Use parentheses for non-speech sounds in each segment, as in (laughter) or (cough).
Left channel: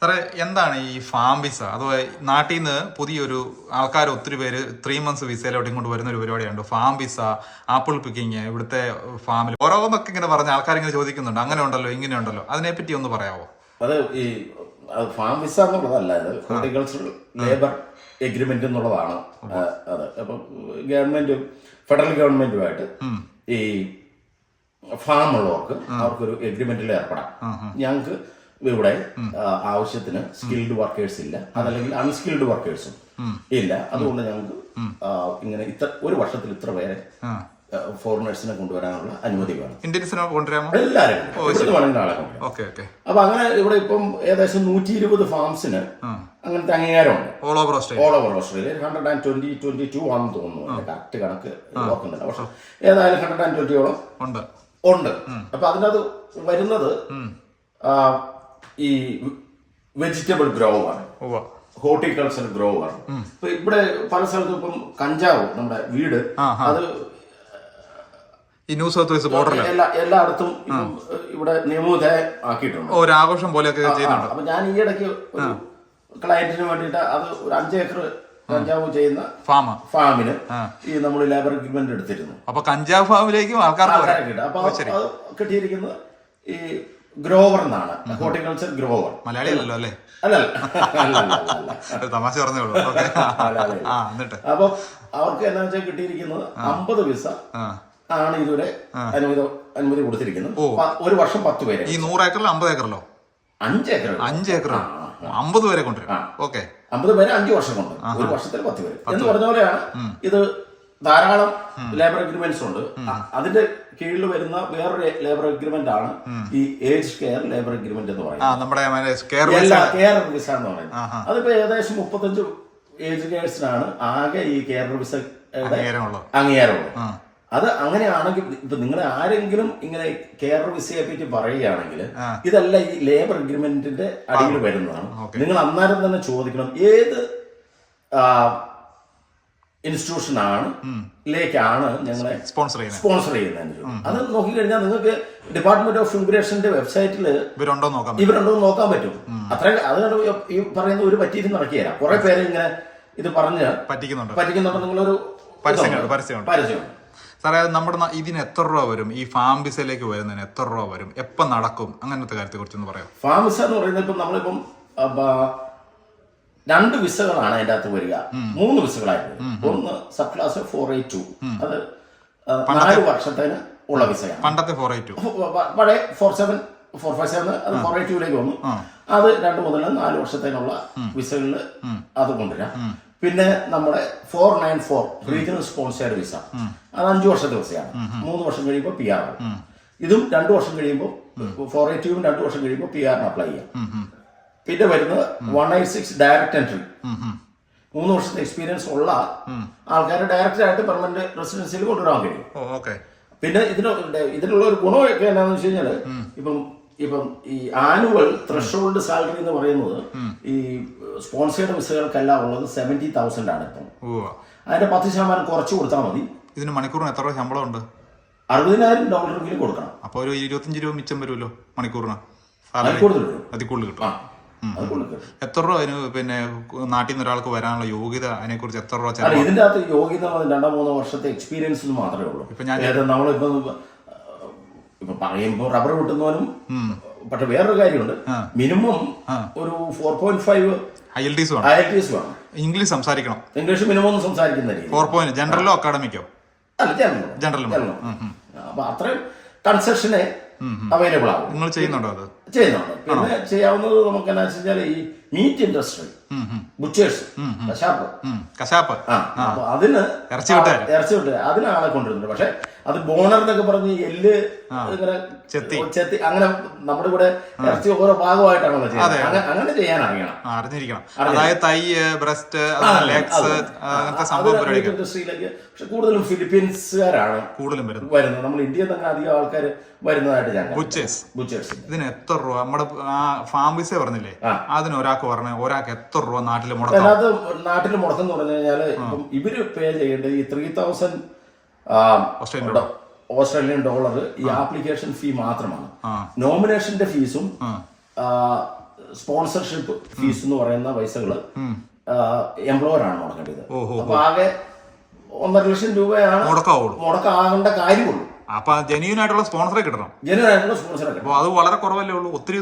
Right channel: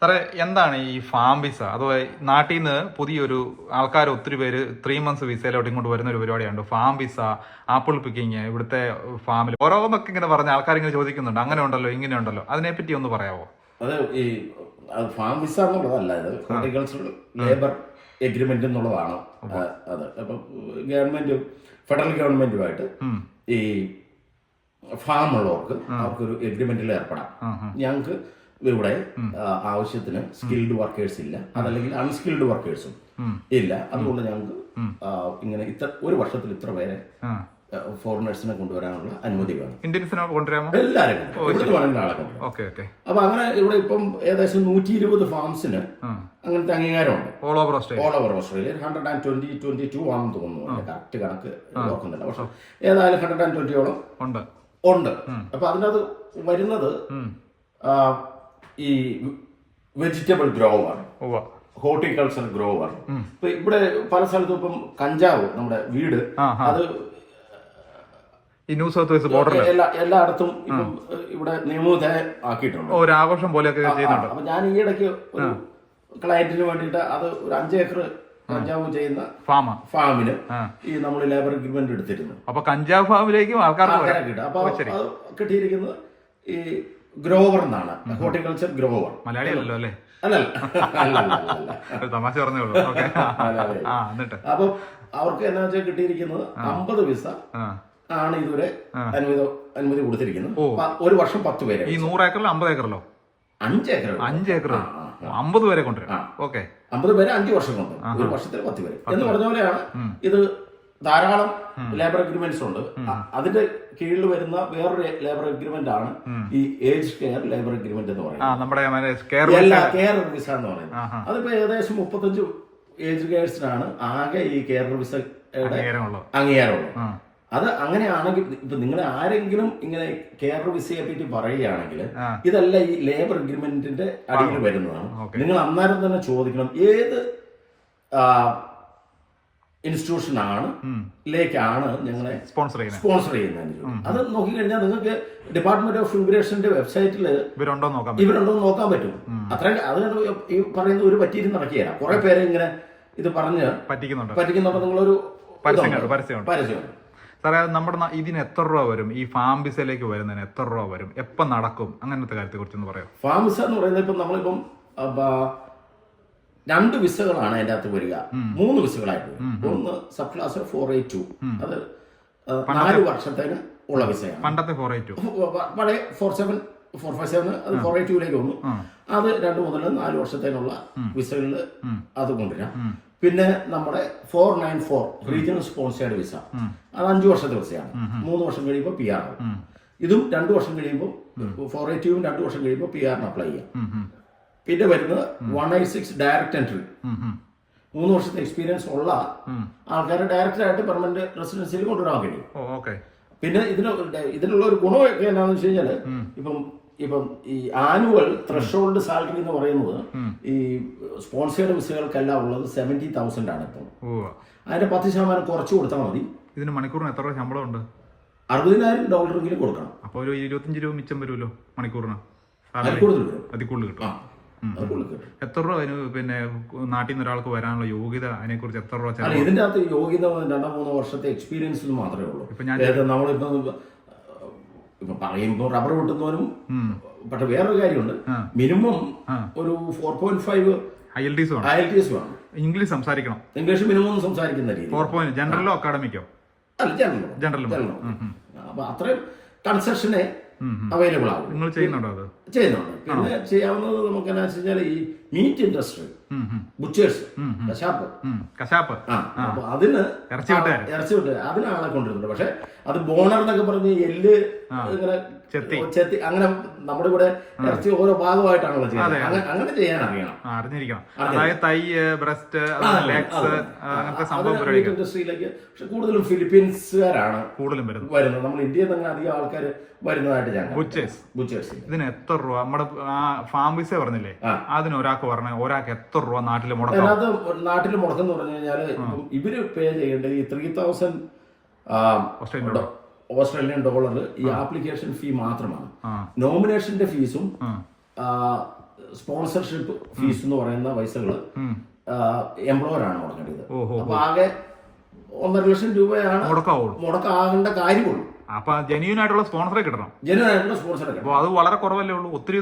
സാറേ എന്താണ് ഈ ഫാം വിസ? അഥവാ നാട്ടിൽ നിന്ന് പുതിയൊരു ആൾക്കാർ ഒത്തിരി പേര് ത്രീ മന്ത്സ് വിസയിലോട്ട് ഇങ്ങോട്ട് വരുന്ന ഒരു പരിപാടിയുണ്ട്. ഫാം വിസ ആപ്പിൾ പിക്കിങ് ഇവിടുത്തെ ഫാമിൽ ഓരോന്നൊക്കെ ഇങ്ങനെ പറഞ്ഞ ആൾക്കാർ ഇങ്ങനെ ചോദിക്കുന്നുണ്ട്. അങ്ങനെ ഉണ്ടല്ലോ ഇങ്ങനെ ഉണ്ടല്ലോ. അതിനെപ്പറ്റി ഒന്ന് പറയാമോ അത് ഈ അത് ഫാം വിസ എന്നുള്ളതല്ല ഇത് ഹോർട്ടിക്കൾച്ചറൽ ലേബർ എഗ്രിമെന്റ് എന്നുള്ളതാണ്. അത്. അപ്പം ഗവൺമെന്റും ഫെഡറൽ ഗവൺമെന്റുമായിട്ട് ഈ ഫാം ഉള്ളവർക്ക് അവർക്കൊരു എഗ്രിമെന്റിൽ ഏർപ്പെടാം. ഞങ്ങൾക്ക് ഇവിടെ ആവശ്യത്തിന് സ്കിൽഡ് വർക്കേഴ്സ് ഇല്ല. അതല്ലെങ്കിൽ അൺസ്കിൽഡ് വർക്കേഴ്സും ഇല്ല. അതുകൊണ്ട് ഞങ്ങൾക്ക് ഇങ്ങനെ ഇത്ര ഒരു വർഷത്തിൽ ഇത്ര പേരെ ഫോറിനേഴ്സിനെ കൊണ്ടുവരാനുള്ള അനുമതി വേണം. ഇന്ത്യൻസിനെ കൊണ്ടുവരാമോ? എല്ലാവരും ആളെ കൊണ്ടുവരാം. അപ്പൊ അങ്ങനെ ഇവിടെ ഇപ്പം ഏകദേശം നൂറ്റി ഇരുപത് ഫാംസിന് അങ്ങനത്തെ അംഗീകാരമുണ്ട്. All over Australia all over Australia hundred and twenty twenty two ആണെന്ന് തോന്നുന്നു. കറക്റ്റ് കണക്ക് ഓർക്കുന്നില്ല പക്ഷെ ഏതായാലും ഹൺഡ്രഡ് ആൻഡ് ട്വന്റിയോളം ഉണ്ട്. ഉണ്ട്. അപ്പൊ അതിനകത്ത് വരുന്നത് ഈ വെജിറ്റബിൾ ഗ്രോ ആണ്. ഉവ്വ. ഹോർട്ടിക്കൾച്ചർ ഗ്രോ ആണ്. ഇപ്പൊ ഇവിടെ പല സ്ഥലത്തും ഇപ്പം കഞ്ചാവ് നമ്മുടെ വീട്. അത് ഈ ന്യൂ സൗത്ത് വെസ്റ്റ് ബോർഡറിൽ എല്ലാ എല്ലായിടത്തും ഇവിടെ നിയമവിധേയം ആക്കിയിട്ടുണ്ട്. ഒരു ആഘോഷം പോലെയൊക്കെ ചെയ്യുന്നുണ്ട്. അപ്പൊ ഞാൻ ഈ ഇടയ്ക്ക് ഒരു ക്ലയന്റിന് വേണ്ടിയിട്ട് അത് ഒരു അഞ്ചേക്കർ കഞ്ചാവ് ചെയ്യുന്ന ഫാം ഫാമിന് ഈ നമ്മൾ ലേബർ എഗ്രിമെന്റ് എടുത്തിരുന്നു. അപ്പൊ കഞ്ചാവ് ഫാമിലേക്കും ആൾക്കാർക്ക് കിട്ടും. അപ്പൊ കിട്ടിയിരിക്കുന്നത് ഈ ഗ്രോവർ എന്നാണ്. ഹോർട്ടിക്കൾച്ചർ ഗ്രോവർ മലയാളി അല്ലല്ലോ. അല്ലേ (laughs) തമാശ അപ്പൊ അവർക്ക് എന്താ വെച്ചാൽ കിട്ടിയിരിക്കുന്നത് അമ്പത് വിസ ആണ് ഇതുവരെ അനുമതി അനുമതി കൊടുത്തിരിക്കുന്നത് ഒരു വർഷം പത്ത് പേര് ഈ നൂറ് ഏക്കറിലോ അമ്പത് ഏക്കറിലോ? അഞ്ച് ഏക്കർ അഞ്ച് ഏക്കർ അമ്പത് പേരെ കൊണ്ടുവരും. ഓക്കെ. അമ്പത് പേര് അഞ്ച് വർഷം കൊണ്ട് ഒരു വർഷത്തിൽ പത്ത് പേര്. എന്ന് പറഞ്ഞ പോലെയാണ് ഇത് ധാരാളം ലേബർ അഗ്രിമെന്റ്സ് ഉണ്ട്. അതിന്റെ കീഴിൽ വരുന്ന വേറൊരു ലേബർ അഗ്രിമെന്റ് ആണ് ഈ ഏജ് കെയർ ലേബർ അഗ്രിമെന്റ് എന്ന് പറയുന്നത്. കെയർ വിസ എന്ന് പറയുന്നത്. അതിപ്പോ ഏകദേശം മുപ്പത്തഞ്ച് ഏജ് കെയർസിനാണ് ആകെ ഈ കെയർ വിസ അംഗീകാരമുള്ളത്. അത് അങ്ങനെയാണെങ്കിൽ ഇപ്പൊ നിങ്ങൾ ആരെങ്കിലും ഇങ്ങനെ കെയർ വിസയെ പറ്റി പറയുകയാണെങ്കിൽ ഇതല്ല ഈ ലേബർ അഗ്രിമെന്റിന്റെ അടിയിൽ വരുന്നതാണ്. നിങ്ങൾ അന്നേരം തന്നെ ചോദിക്കണം ഏത് ഇൻസ്റ്റിറ്റ്യൂഷനാണ് ലേക്കാണ് ഞങ്ങളെ സ്പോൺസർ ചെയ്യുന്നത്. സ്പോൺസർ ചെയ്യുന്നത് അത് നോക്കിക്കഴിഞ്ഞാൽ നിങ്ങൾക്ക് ഡിപ്പാർട്ട്മെന്റ് ഓഫ് ഇമിഗ്രേഷന്റെ വെബ്സൈറ്റിൽ ഇവരുണ്ടോ നോക്കാം നോക്കാൻ പറ്റും ഇവരുണ്ടോ നോക്കാൻ പറ്റും. അത്ര അത് ഈ പറയുന്ന ഒരു പറ്റിയിരുന്ന് നടക്കുകയില്ല കുറെ പേര് ഇങ്ങനെ ഇത് പറഞ്ഞ് പറ്റിക്കുന്നുണ്ട്. പറ്റിക്കുന്നുണ്ട് നിങ്ങളൊരു പരസ്യമുണ്ട്. പരസ്യമുണ്ട്. സാറേ നമ്മുടെ ഇതിന് എത്ര രൂപ വരും? ഈ ഫാം ബിസയിലേക്ക് വരുന്നതിന് എത്ര രൂപ വരും? എപ്പം നടക്കും? അങ്ങനത്തെ കാര്യത്തെ കുറിച്ചൊന്ന് പറയാം ഫാം വിസ എന്ന് പറയുന്നത് ഇപ്പം നമ്മളിപ്പം രണ്ട് വിസകളാണ് അതിന്റെ അകത്ത് വരിക. മൂന്ന് വിസകളായിട്ട് ഒന്ന് sub class four eight two. അത് നാല് വർഷത്തിന് ഉള്ള വിസയാണ്. പണ്ടത്തെ ഫോർ എയ്റ്റ് ടു. പഴയ four seven four five seven അത് ഫോർ എയ്റ്റ് ടുവിലേക്ക് വന്നു. അത് രണ്ട് മുതൽ നാല് വർഷത്തേനുള്ള വിസകളിൽ അത് കൊണ്ടുവരാം. പിന്നെ നമ്മുടെ four nine four regional sponsored visa. അത് അഞ്ചു വർഷത്തെ വിസയാണ്. മൂന്ന് വർഷം കഴിയുമ്പോൾ പി ആർ ഇതും രണ്ടു വർഷം കഴിയുമ്പോൾ ഫോർ എയ്റ്റ് ടുവും രണ്ടു വർഷം കഴിയുമ്പോൾ പി ആറിന് അപ്ലൈ ചെയ്യാം. പിന്നെ വരുന്നത് one eight six direct entry മൂന്ന് വർഷത്തെ എക്സ്പീരിയൻസ് ഉള്ള ആൾക്കാരെ ഡയറക്റ്റ് ആയിട്ട് പെർമനന്റ് റെസിഡൻസിയിൽ കൊണ്ടുവരാൻ കഴിയും. പിന്നെ ഇതിന് ഇതിനുള്ള ഒരു ഗുണമൊക്കെ എന്താണെന്ന് വെച്ച് കഴിഞ്ഞാൽ ഇപ്പം ഇപ്പം ഈ ആനുവൽ ത്രഷോൾഡ് സാലറി എന്ന് പറയുന്നത് ഈ സ്പോൺസേഡ് വിസകൾക്കെല്ലാം ഉള്ളത് സെവന്റി തൗസൻഡ് ആണ് ഇപ്പം. അതിന്റെ പത്ത് ശതമാനം കുറച്ച് കൊടുത്താൽ മതി. ഇതിന് മണിക്കൂറിന് എത്ര ശമ്പളം ഉണ്ട്? അറുപതിനായിരം ഡോളറെങ്കിലും കൊടുക്കണം. അപ്പോൾ ഒരു ഇരുപത്തഞ്ച് രൂപ മിച്ചം വരുമല്ലോ മണിക്കൂറിന്. കൂടുതൽ അതിൽ കൂടുതൽ കിട്ടും. അത് എത്ര രൂപ അതിന് പിന്നെ നാട്ടിൽ നിന്ന് ഒരാൾക്ക് വരാനുള്ള യോഗ്യത അതിനെ കുറിച്ച് എത്ര രൂപ അല്ല ചെലവ്? ഇതിന്റെ അകത്ത് യോഗ്യത രണ്ടോ മൂന്നോ വർഷത്തെ എക്സ്പീരിയൻസ് മാത്രമേ ഉള്ളൂ. ഇപ്പൊ ഞാൻ- ഏത് നമ്മളിപ്പോ ഇപ്പൊ പറയുമ്പോൾ റബ്ബർ വെട്ടുന്നവനും പക്ഷെ വേറൊരു കാര്യമുണ്ട്. മിനിമം ഒരു four point five I L T വേണം. ഐ എൽ ടി എസ് വേണം. ഇംഗ്ലീഷ് സംസാരിക്കണം. ഇംഗ്ലീഷ് മിനിമം ഒന്നും സംസാരിക്കുന്ന രീതി. ഫോർ പോയിന്റ് ജനറലോ അക്കാഡമിക്കോ അല്ല ജനറൽ ജനറൽ ജനറൽ അപ്പൊ അത്രയും കൺസെഷനെ അവൈലബിൾ ആകും നിങ്ങൾ ചെയ്യുന്നുണ്ടോ അത്? ചെയ്യുന്നുണ്ട് പിന്നെ ചെയ്യാവുന്നത് നമുക്ക് എന്നാ വെച്ചാൽ ഈ മീറ്റ് ഇൻഡസ്ട്രി ബുച്ചേഴ്സ് കശാപ്പ്. കശാപ്പ്. അപ്പൊ അതിന് ഇറച്ചി. ഇറച്ചി വിട്ട് അതിന് ആളെ കൊണ്ടുവരുന്നുണ്ട്. പക്ഷെ അത് ബോണർ എന്നൊക്കെ പറഞ്ഞ് എല്ല് ഇങ്ങനെ ചെത്തി. അങ്ങനെ നമ്മുടെ ഇവിടെ ഇറച്ചി ഓരോ ഭാഗമായിട്ടാണല്ലോ ചെയ്യുന്നത്. അങ്ങനെ- ചെയ്യാൻ അറിയണം. അറിഞ്ഞിരിക്കണം. അതായത് തൈ ബ്രസ്റ്റ് ലെഗ്സ് അങ്ങനത്തെ സംഭവം ഇൻഡസ്ട്രിയിലേക്ക് പക്ഷെ കൂടുതലും ഫിലിപ്പീൻസുകാരാണ് കൂടുതലും വരുന്നു വരുന്നത്. നമ്മൾ ഇന്ത്യയിൽ തന്നെ അധികം ആൾക്കാർ വരുന്നതായിട്ട് ഞാൻ ബുച്ചേഴ്സ് ബുച്ചേഴ്സ് ഇതിന് എത്ര രൂപ? നമ്മുടെ ആ ഫാം വിസ പറഞ്ഞില്ലേ. അതിന് ഒരാൾക്ക് പറഞ്ഞ ഒരാൾക്ക് എത്ര രൂപ നാട്ടിൽ മുടക്കം? നാട്ടിൽ മുടക്കം എന്ന് പറഞ്ഞു കഴിഞ്ഞാൽ ഇവർ പേ ചെയ്യേണ്ടത് ഈ three thousand Australian dollar Australian dollar ഈ ആപ്ലിക്കേഷൻ ഫീ മാത്രമാണ്. നോമിനേഷന്റെ ഫീസും സ്പോൺസർഷിപ്പ് ഫീസ് എന്ന് പറയുന്ന പൈസകൾ എംപ്ലോയർ ആണ് മുടക്കേണ്ടത്. അപ്പൊ ആകെ ഒന്നര ലക്ഷം രൂപയാണ് മുടക്കാവുള്ളൂ. മുടക്കാകേണ്ട കാര്യമുള്ളൂ. അപ്പൊ ജെന്യൂൻ ആയിട്ടുള്ള സ്പോൺസറെ കിട്ടണം. സ്പോൺസറെ കിട്ടും അപ്പൊ അത് വളരെ കുറവല്ലേ ഉള്ളൂ? ഒത്തിരി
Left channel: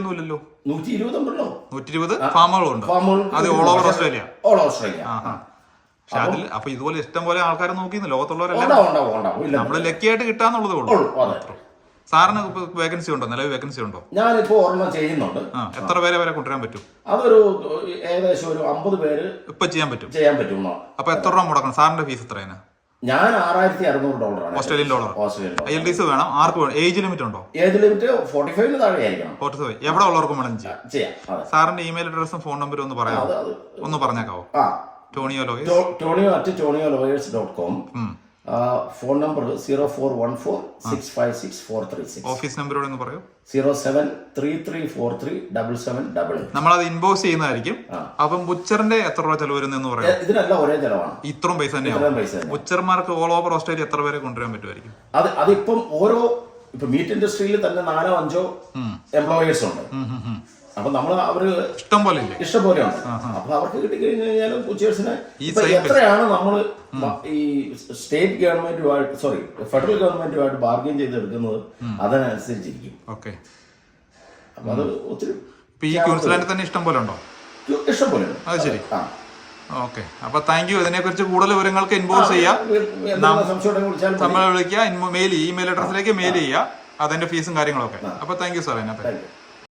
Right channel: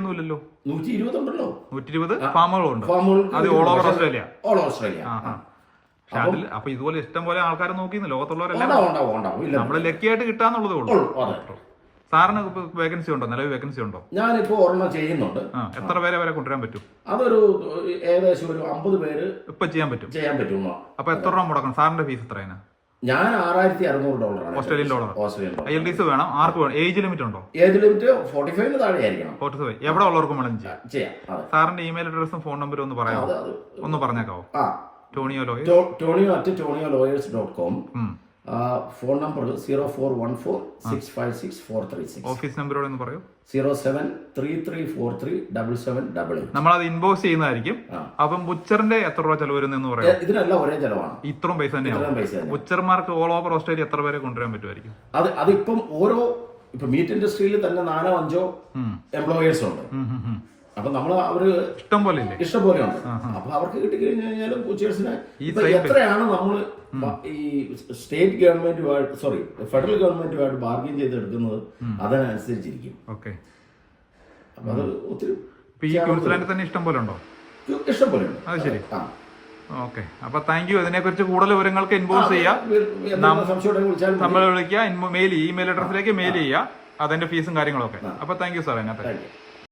നൂറ്റി ഇരുപതുണ്ടല്ലോ നൂറ്റി ഇരുപത് ഫാമുകളുണ്ട് അത് all over Australia all Australia പക്ഷെ അതിൽ അപ്പൊ ഇതുപോലെ ഇഷ്ടം പോലെ ആൾക്കാരെ നോക്കിന്ന് ലോകത്തുള്ളവരെല്ലാം ഉണ്ടാവും ഉണ്ടാവും ഉണ്ടാവും. ഇല്ല. നമ്മൾ ലക്കിയായിട്ട് കിട്ടാന്നുള്ളതേ ഉള്ളൂ. ഉള്ളൂ, അതെ. സാറിന് വേക്കൻസി ഉണ്ടോ? നിലവിൽ വേക്കൻസി ഉണ്ടോ? ഞാനിപ്പോ ഓർമ്മ ചെയ്യുന്നുണ്ട്. ആ എത്ര പേരെ വരെ കൊണ്ടുവരാൻ പറ്റും? അതൊരു ഏകദേശം ഒരു അമ്പത് പേര് ഇപ്പൊ ചെയ്യാൻ പറ്റും. ചെയ്യാൻ പറ്റും അപ്പൊ എത്ര രൂപ മുടക്കണം? സാറിന്റെ ഫീസ് എത്രയാണ്? ഞാൻ ആറായിരത്തി അറുന്നൂറ് ഡോളറാണ് Australian dollar Australian dollar L D C വേണം? ആർക്ക് വേണം? ഏജ് ലിമിറ്റ് ഉണ്ടോ? ഏജ് ലിമിറ്റ് ഫോർട്ടി ഫൈവിന് താഴെ ആയിരിക്കണം ഫോർട്ടി ഫൈവ് എവിടെ ഉള്ളവർക്കും വേണം ചെയ്യാം. സാറിന്റെ ഇമെയിൽ അഡ്രസ്സും ഫോൺ നമ്പറും ഒന്ന് പറയാമോ? ഒന്ന് പറഞ്ഞേക്കാവോ? Tonio lawyers Tonio at Tonio lawyers dot com phone number zero four one four six five six four three six. Office നമ്പറോട് ഒന്ന് പറയൂ? Zero seven three three four three double seven double eight നമ്മളത് inbox ചെയ്യുന്നതായിരിക്കും. അപ്പം ബുച്ചറിന്റെ എത്ര രൂപ ചെലവ് വരുന്നെന്ന് പറയാം. ഇതിനെല്ലാം ഒരേ ചെലവാണ്. ഇത്രയും പൈസ തന്നെയാണ്? ബുച്ചർമാർക്ക് ഓൾ ഓവർ ഓസ്ട്രേലിയ എത്ര പേരെ കൊണ്ടുവരാൻ പറ്റുമായിരിക്കും? അത് അതിപ്പം ഓരോ ഇപ്പൊ മീറ്റ് ഇൻഡസ്ട്രിയിൽ തന്നെ നാലോ അഞ്ചോ എംപ്ലോയേഴ്സ് ഉണ്ട്. അപ്പൊ നമ്മൾ അവർ ഇഷ്ടം പോലെ ഇഷ്ടം പോലെയാണ് അപ്പൊ അവർക്ക് കിട്ടിക്കഴിഞ്ഞു കഴിഞ്ഞാലും ഉച്ചേഴ്സിന് എത്രയാണ് നമ്മൾ ഈ സ്റ്റേറ്റ് ഗവൺമെന്റുമായിട്ട് സോറി ഫെഡറൽ ഗവൺമെന്റുമായിട്ട് ബാർഗെയിൻ ചെയ്തെടുക്കുന്നത് അതിനനുസരിച്ചിരിക്കും. ഓക്കെ. അപ്പൊ അത് ഒത്തിരി ഈ ക്യൂൻസ്ലാൻഡിൽ തന്നെ ഇഷ്ടം പോലെ ഉണ്ടോ ഇഷ്ടം പോലെ അത് ശരി. ഓക്കെ. അപ്പൊ താങ്ക് യു ഇതിനെക്കുറിച്ച് കൂടുതൽ വിവരങ്ങൾക്ക് ഇൻബോക്സ് ചെയ്യാം. എന്തെങ്കിലും സംശയം ഉണ്ടെങ്കിൽ വിളിച്ചാൽ നമ്മളെ വിളിക്കുക മെയിൽ ഇമെയിൽ അഡ്രസ്സിലേക്ക് മെയിൽ ചെയ്യുക. അതിന്റെ ഫീസും കാര്യങ്ങളൊക്കെ. അപ്പൊ താങ്ക് യു സാർ അതിനകത്ത്